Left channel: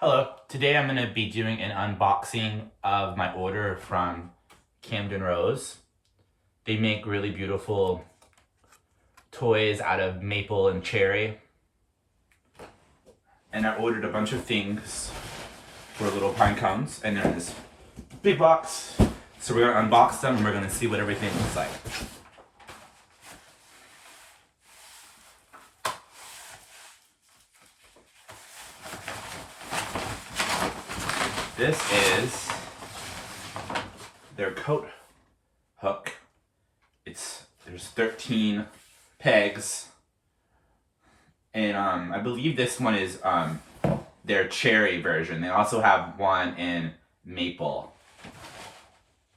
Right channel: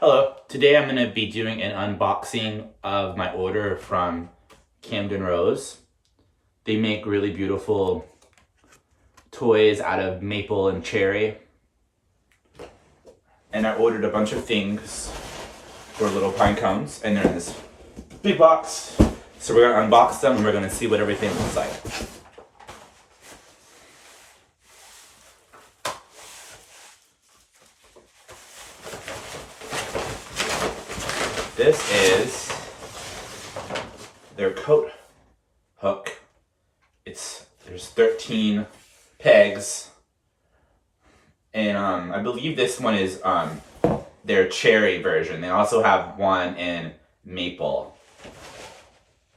Hello, today I'm going to be doing an unboxing of my order from Camden Rose. They make really beautiful toys out of maple and cherry. And I ordered a bunch of things for Little Pinecones, and they're in this big box. So we're going to unbox them and we're going to see what everything looks like. This is their coat hook. There's 13 pegs, and I believe this one is their cherry version. They also have one in maple.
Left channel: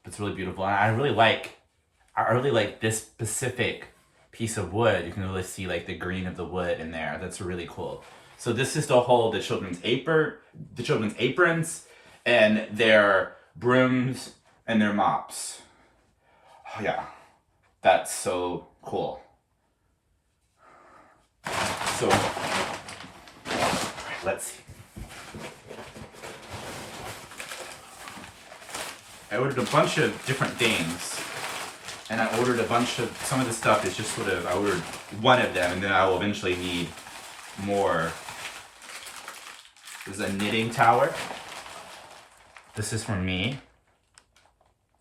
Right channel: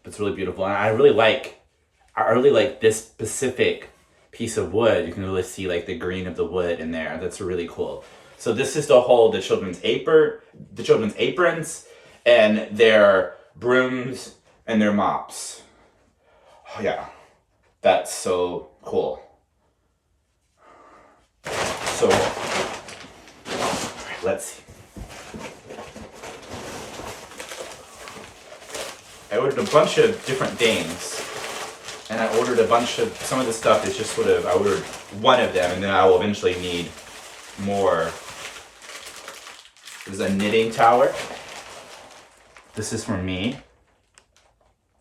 It's really beautiful, and I really like this specific piece of wood. You can really see like the green of the wood in there. That's really cool. So this is to hold the children's aprons, and their brooms and their mops. Oh yeah, that's so cool. So, let's see. I ordered a bunch of different things, and I ordered a bunch of, some of the stuff is just sort of, I ordered one of them, and then I will eventually need more. This is a knitting tower. This is for me.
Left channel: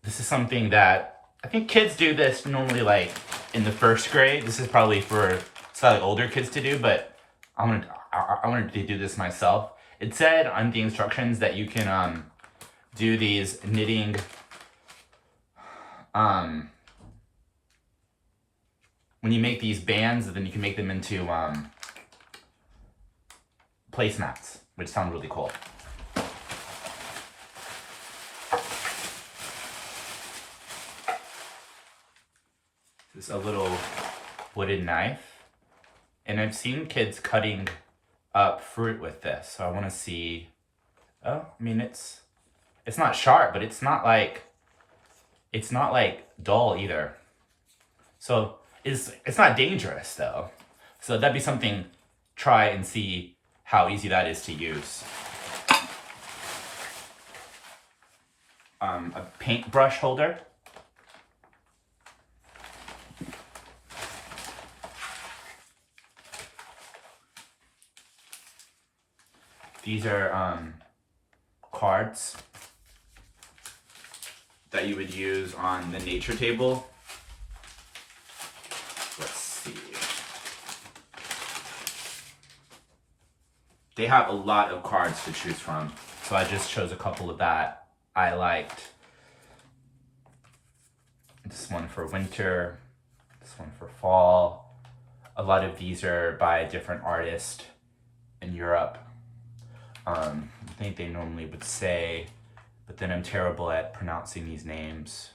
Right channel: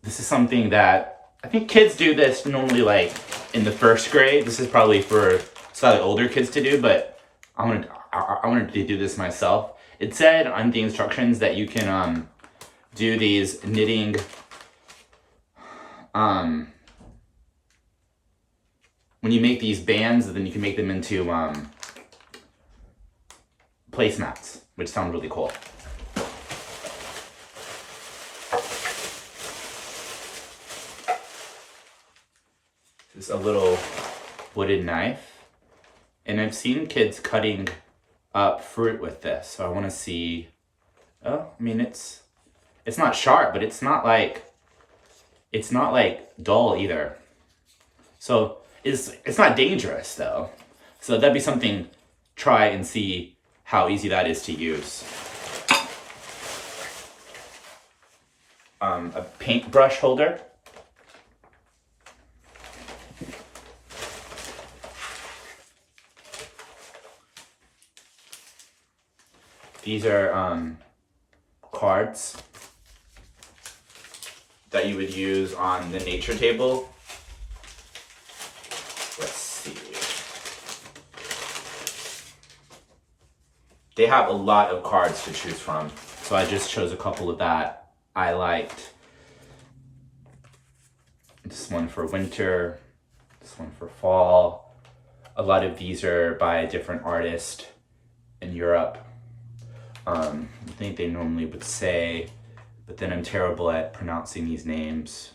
This is something that, I think kids do this normally like in the first grade. This is probably for slightly older kids to do, but I wanted to do this myself. It said on the instructions that you can do these knitting when you make these bands, then you can make them into placemats, which sound really cool. This is a little wooden knife, and I've seen kids cutting up fruit with this, so I want to see. Oh, I mean it's not sharp, but it's not like dull either. So it's not dangerous though. So that'd be something. Try and see how easy that is to use. A paintbrush holder. These are cards that you would use on the nature table. Let's see. They have a lot of cards to choose from, so I just chose a couple of that I liked. This one for winter, this one for fall. A lot of these are by a different artist in Europe. I think they normally would say, but then I'm terrible at pronouncing these names.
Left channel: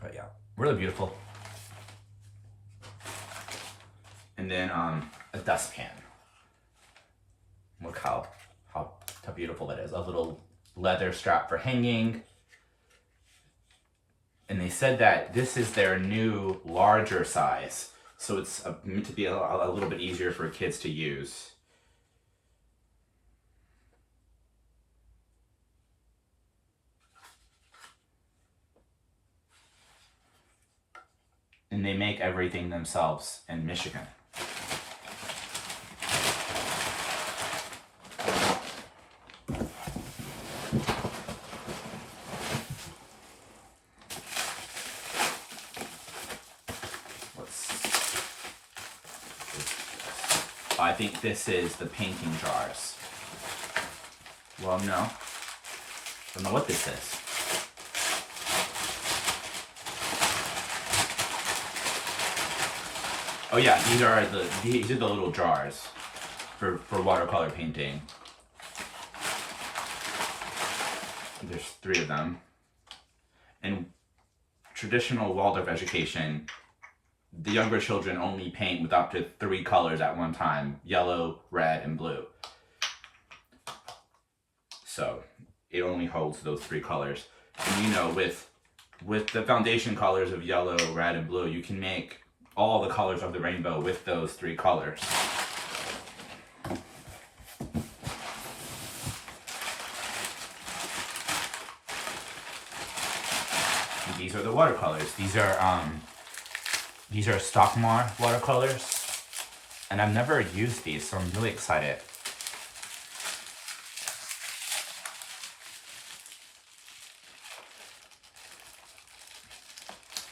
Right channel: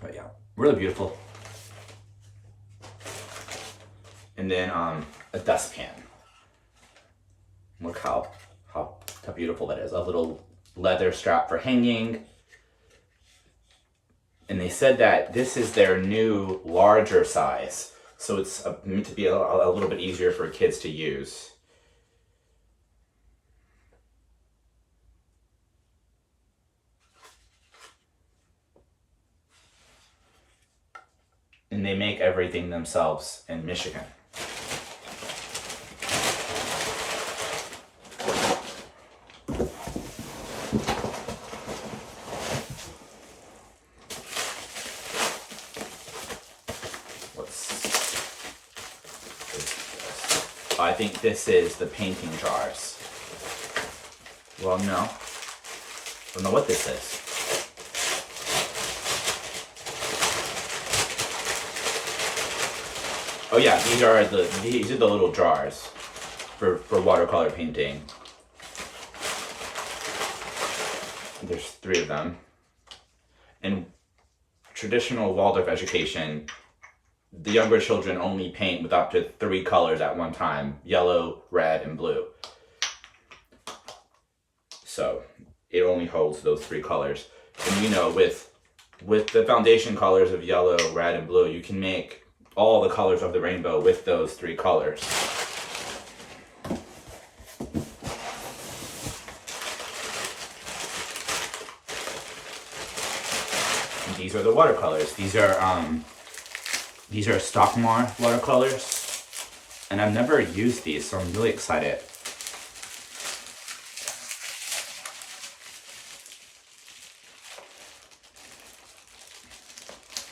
But yeah, really beautiful. And then a dustpan. Look how beautiful that is. A little leather strap for hanging. And they said that this is their new larger size, so it's meant to be a little bit easier for kids to use. And they make everything themselves in Michigan. I think this is the painting jars. Well, no. I don't know what this is. Oh yeah, these are the little jars for watercolor painting. There's 3 of them. In traditional Waldorf education, the younger children only paint with up to 3 colors at one time: yellow, red, and blue. So it only holds those 3 colors. And you know, with the foundation colors of yellow, red, and blue, you can make all the colors of the rainbow with those 3 colors. these are the watercolors. These are Stockmar watercolors, and I've never used these, so I'm really excited.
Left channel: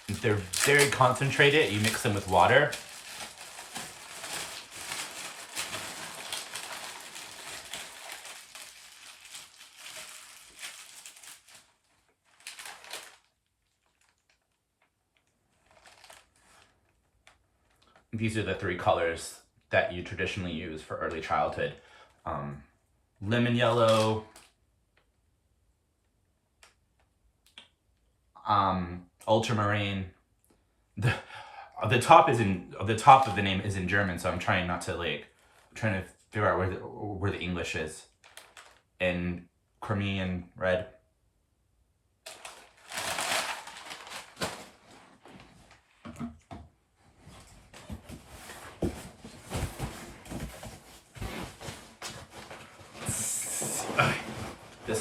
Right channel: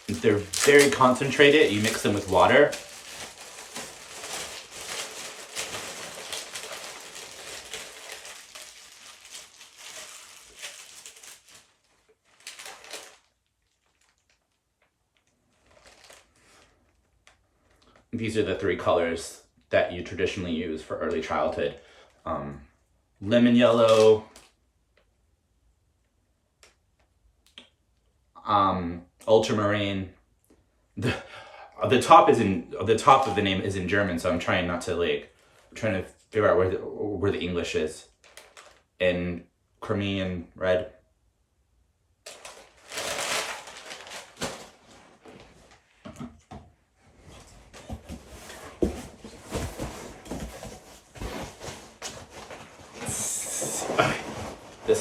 They're very concentrated. You mix them with water. These are the 3 colors that you traditionally use for early childhood. Lemon yellow, ultramarine. The top of the name is in German, so I'm trying not to trying to figure out where the English is. And Crimean red.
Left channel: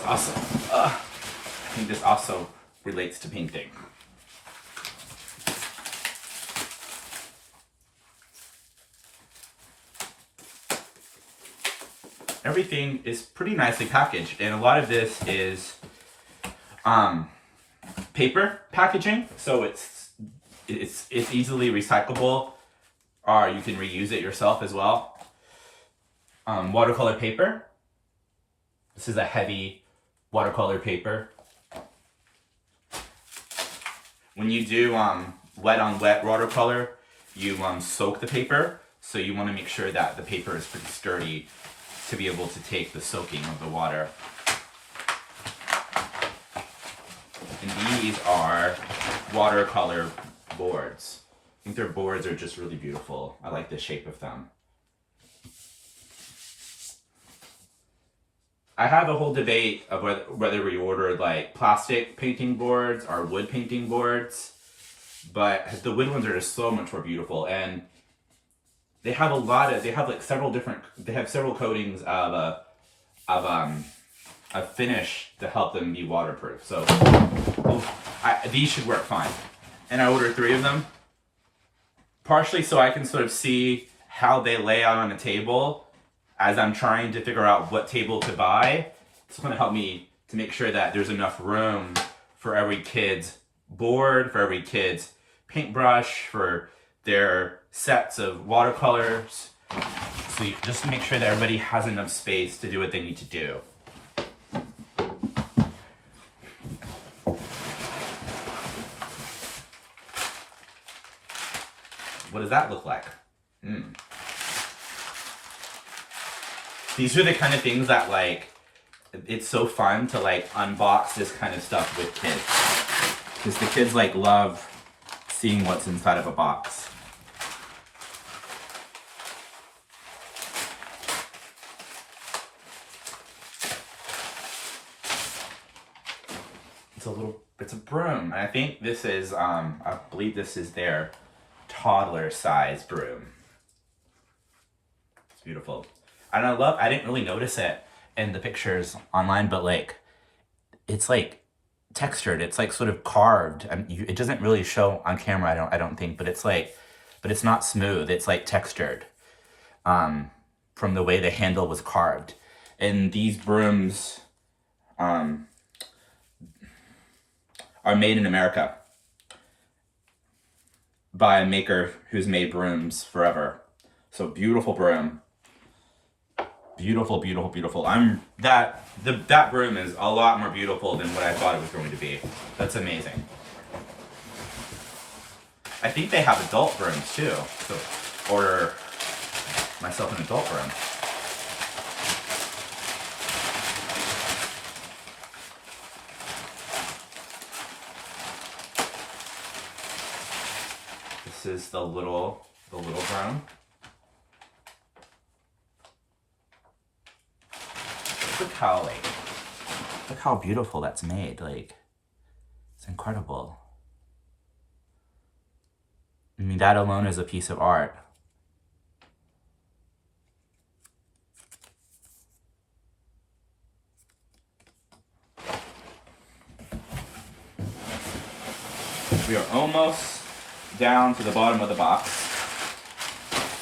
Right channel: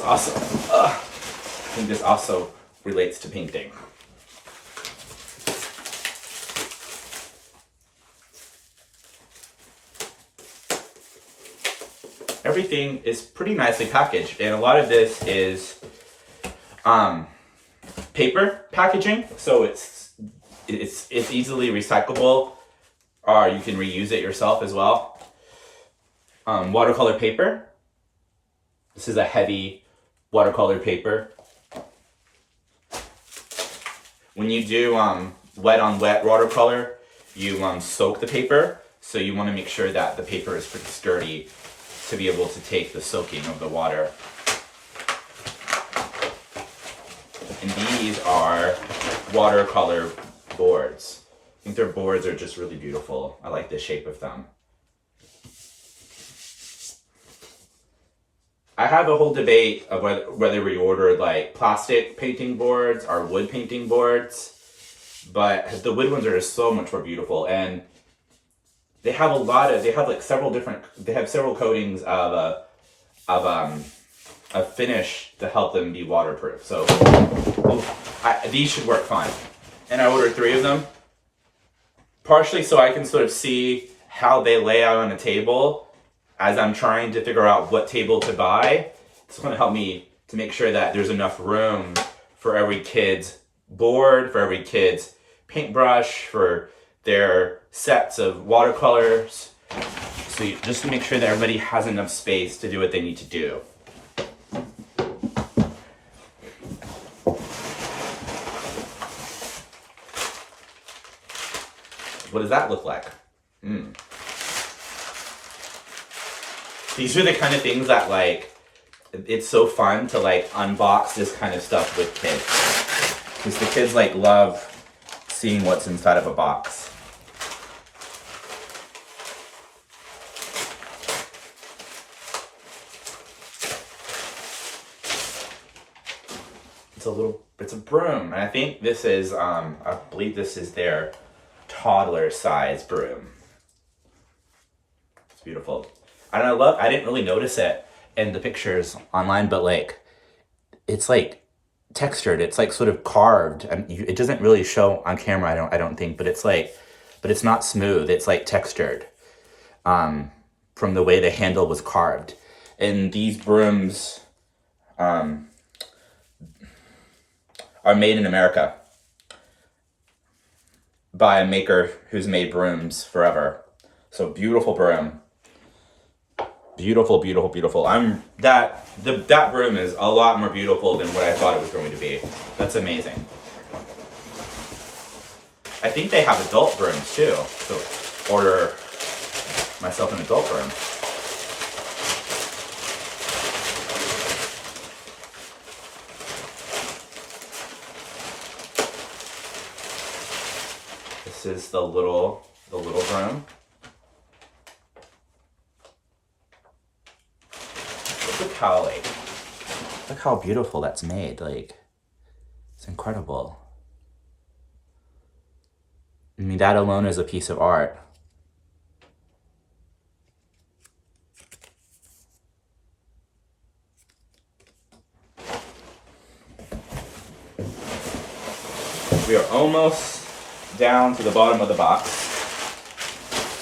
I think this also relates to painting. Everything is pretty nicely packaged, and a lot of this is paper packaging, so it's easily recyclable, or you can reuse it yourself as well. Watercolor paper. This is a heavy watercolor paper. When you do wet on wet watercolor, you soak the paper, so you want to make sure that the paper is pretty sturdy to be able to take the soaking of the water. And these are watercolor boards. I think their boards are just really beautiful. I like the shape of them. I have a whole debate of whether we ordered like plastic painting boards or wood painting boards, but the wood ones are just so much more beautiful, and they have several coatings of finish to help them be waterproof. So these should work fine. And I ordered 3 of them, partially so I can sort of see how they lay out on a table as I'm trying to figure out what table to buy. It's going to help me to make sure that there's enough room for every kid's board, for every kid's paintbrush, for their sets of watercolors. So just to make sure that everybody has enough space to do what they need to do. What does that look like? These are the kind of things that it's so fun to unbox this kind of stuff with kids. Because the kids love seeing what's inside of a box. It's a broom. And I think this is, I believe this is their toddler size broom. It's beautiful. I didn't really notice it in the pictures online, but it's textured. It's sort of carved, and it doesn't really show on camera. I don't think, but it's not smooth. It's textured, from the way the handle was carved. And these brooms, are made in America by a maker who's made brooms forever. So beautiful broom. Beautiful, beautiful, beautiful. That broom is a lot more beautiful than what I thought it was going to be. That's amazing. I think they have adult brooms too. So order myself an adult broom. This is the little broom. Look how beautiful that's made. It's incredible. I mean, that alone is a piece of art. We are almost down to the bottom of the box.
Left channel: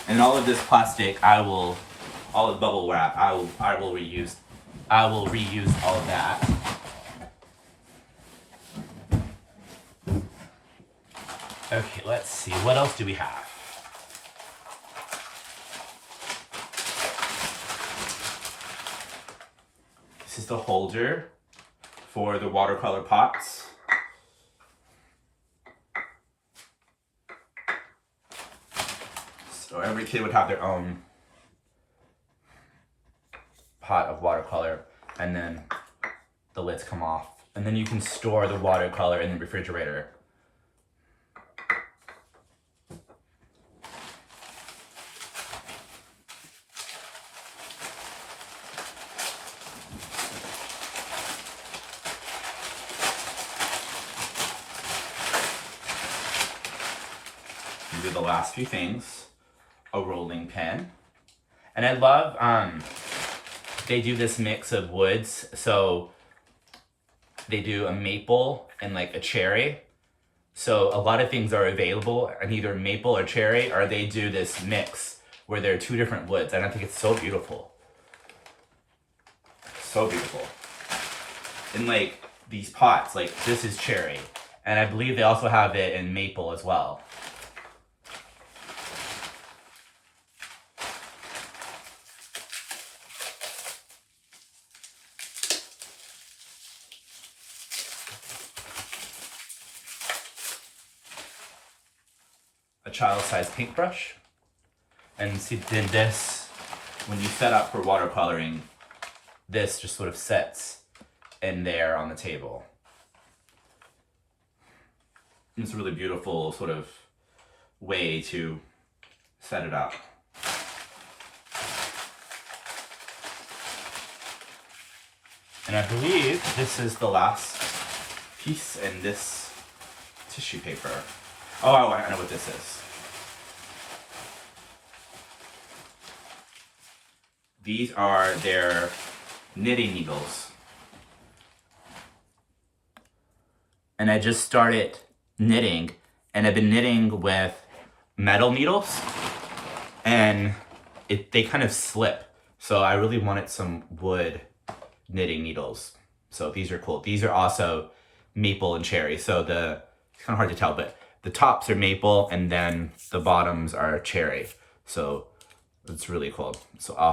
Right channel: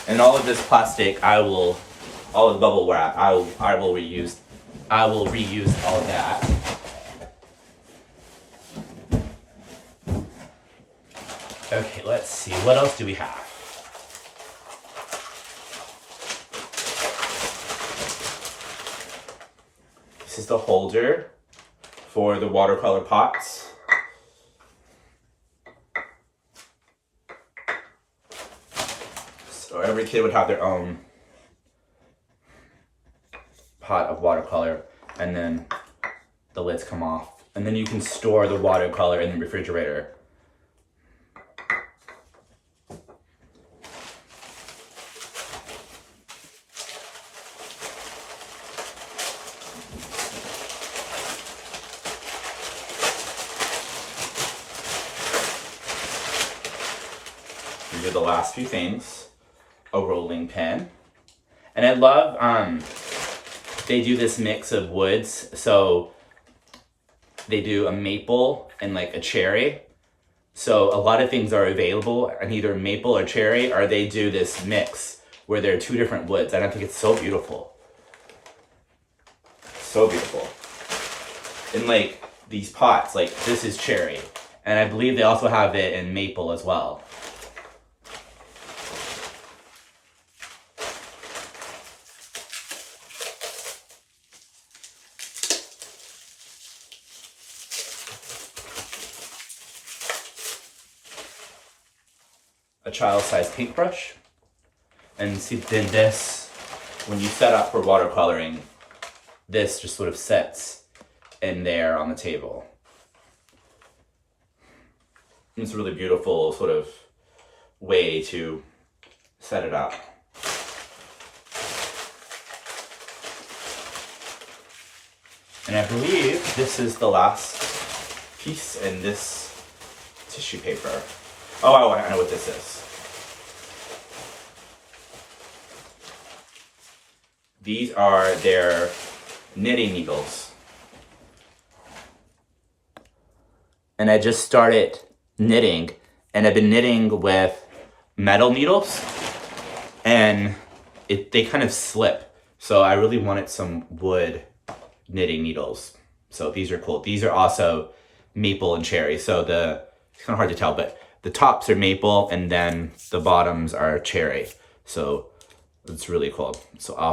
And all of this plastic, all of the bubble wrap, I will reuse all of that. Okay, let's see. What else do we have? This is the holder for the watercolor pots. So every kid would have their own pot of watercolor, and then the lids come off. And then you can store the watercolor in the refrigerator. These are the last few things. A rolling pin. And I love, they do this mix of woods. So they do a maple and like a cherry. So a lot of things are available in either maple or cherry, or they do this mix where there are two different woods. And I think it's so beautiful. So beautiful. And like these pots, like this is cherry. And I believe they also have it in maple as well. A child-sized paintbrush, and see, then this, when you set up for watercoloring, this just sort of sets in there on the table. It's a really beautiful sort of way to set it up. And I believe this is the last piece in this tissue paper. Oh, I know what this is. These are their knitting needles. And I just started knitting, and I've been knitting with metal needles, and they kind of slip. So I really wanted some wood knitting needles. So these are cool. These are also maple and cherry. So it's kind of hard to tell, but the tops are maple and then the bottoms are cherry. So it's really cool. So I'll